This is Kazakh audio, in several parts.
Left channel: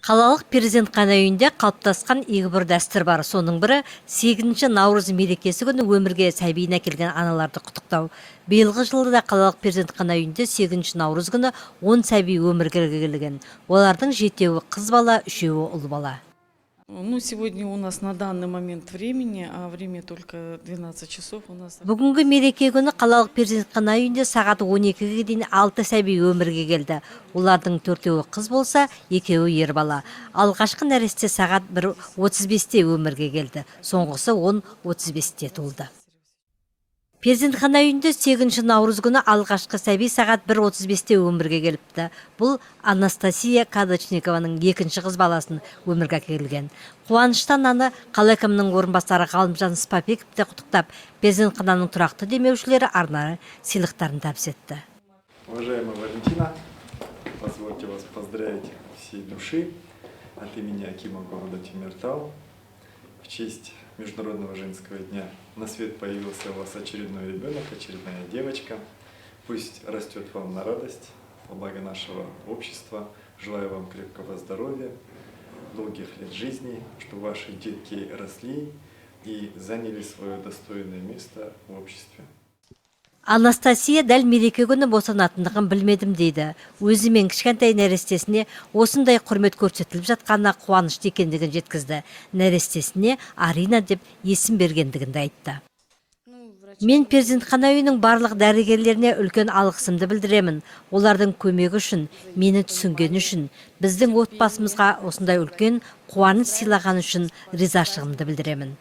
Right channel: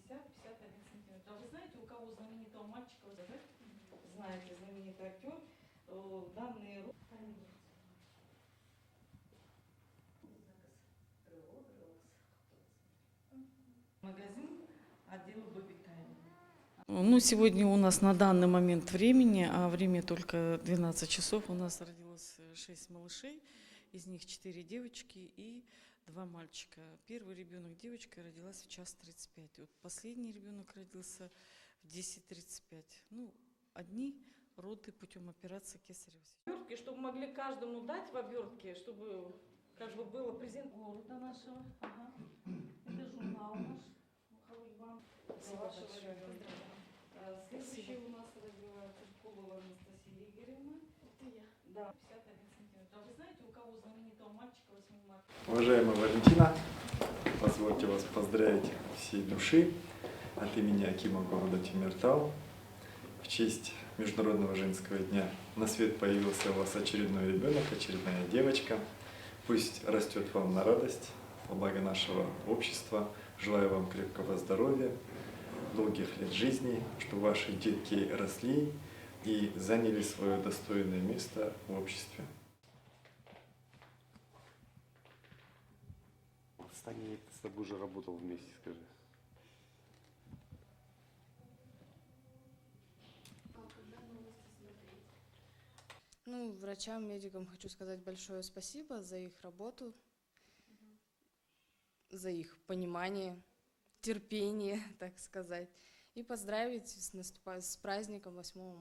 Қалалық перзентхана үйінде қалыптасқан игі бір дәстүр бар. Соның бірі 8 наурыз мерекесі күні өмірге сәбиін әкелген аналарды құттықтау. Биылғы жылы да қалалық перзентхана үйінде 8 наурыз күні 10 сәби өмірге келген. Олардың 7-еуі қыз бала, 3-еуі ұл бала. Ну, сегодня у нас на данный момент времени, а время только 12 часов у нас. Бүгінгі мереке күні қалалық перзентхана үйінде сағат 12-ге дейін 6 сәби өмірге келді. Олардың 4-еуі қыз болса, 2-еуі ер бала. Алғашқы нәресте сағат 1:35-те өмірге келді. Соңғысы 10:35-те туылды. Перзентхана үйінде 8 наурыз күні алғашқы сәби сағат 1:35-те өмірге келіпті. Бұл Анастасия Кадочникованың 2-ші қыз баласын өмірге әкелген. Қуаныштан аны қала әкімінің орынбасары Ғалымжан Спапековті құттықтап, перзентхананың тұрақты демеушілері арнайы сыйлықтарын табыс етті. Уважаемая Валентина, позвольте вас поздравить всей души от имени Акима города Темиртау. В честь Международного женского дня на свет появился у вас очередной ребенок, очередная девочка. Пусть растет вам на радость, во благо нашего общества. Желаю вам крепкого здоровья, долгих лет жизни, чтобы ваши детки росли и заняли свое достойное место в обществе. Анастасия дәл мереке күні босанатындығын білмедім дейді. Өзі мен кішкентай нәрестесіне осындай құрмет көрсетіліп жатқанына қуанышты екендігін жеткізді. Нәрестесіне Арина деп есім бергендігін айтты. Мен перзентхана үйінің барлық дәрігерлеріне үлкен алғысымды білдіремін. Олардың көмегі үшін, мені түсінгені үшін, біздің отбасымызға осындай үлкен қуаныш сыйлағаны үшін ризашылығымды білдіремін.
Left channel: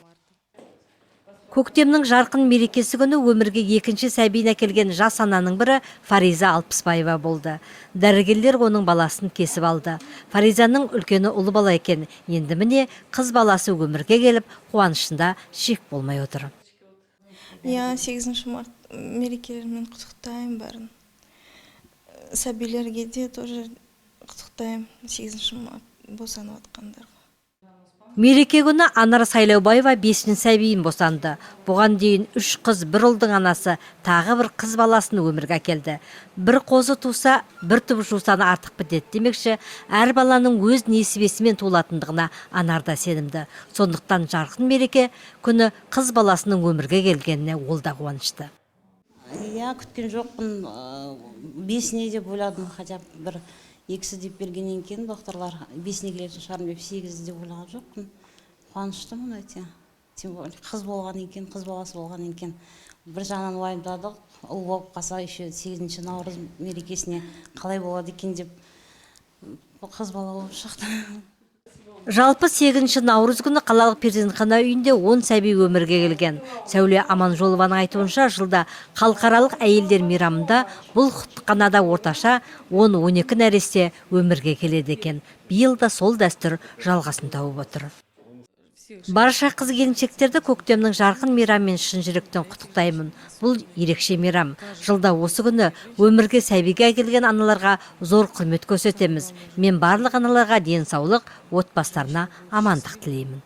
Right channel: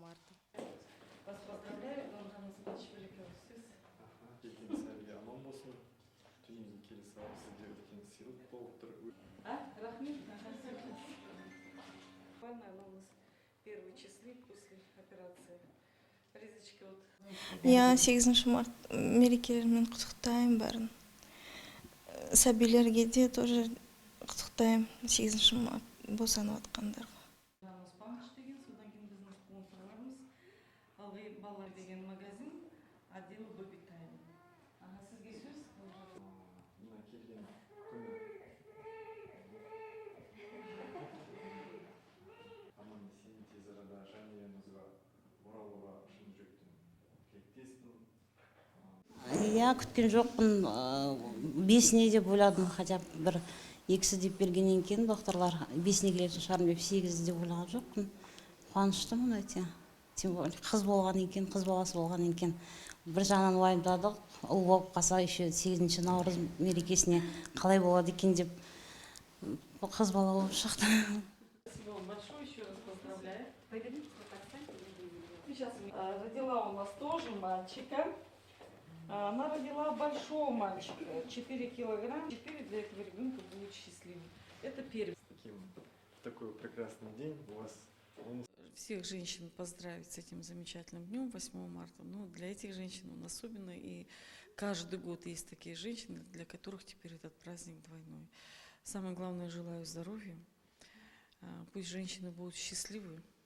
Көктемнің жарқын мерекесі күні өмірге 2-ші сәбиін әкелген жас ананың бірі Фариза Алпысбаева болды. Дәрігерлер оның баласын кесіп алды. Фаризаның үлкені ұлы бала екен. Енді міне қыз баласы өмірге келіп, қуанышында шек болмай отыр. 8 март мерекелерімен құттықтаймын бәрін. Сәбилерге де тоже құттықтаймын 8 март босанып атқандарға. Мереке күні Анар Сайлаубаева 5-ші сәбиін босанды. Бұған дейін 3 қыз, 1 ұлдың анасы тағы бір қыз баласын өмірге әкелді. Бір қозы туса, бір түп жусаны артық бітеді демекші, әр баланың өз несібесімен туылатындығына Анар да сенімді. Сондықтан жарқын мереке күні қыз баласының өмірге келгеніне ол да қуанышты. Күткен жоқпын, 5-не деп ойладым, хотя бір 2 деп бергеннен кейін докторлар 5-не келетін шығарым деп 8 деп ойлаған жоқпын. Қуаныштымын өте. Тем более қыз болғаннан кейін, қыз баласы болғаннан кейін бір жағынан уайымдадық. Ұл болып қалса, еще 8 наурыз мерекесіне қалай болады екен деп қыз бала болып шықты. Жалпы 8 наурыз күні қалалық перзентхана үйінде 10 сәби өмірге келген. Сәуле Аманжолованың айтуынша, жылда халықаралық әйелдер мейрамында бұл құттықтанада орташа 10-12 нәресте өмірге келеді екен. Биыл да сол дәстүр жалғасын тауып отыр. Барша қыз келіншектерді көктемнің жарқын мейрамымен шын жүректен құттықтаймын. Бұл ерекше мейрам. Жылда осы күні өмірге сәбиге әкелген аналарға зор құрмет көрсетеміз. Мен барлық аналарға денсаулық, отбасыларына амандық тілеймін.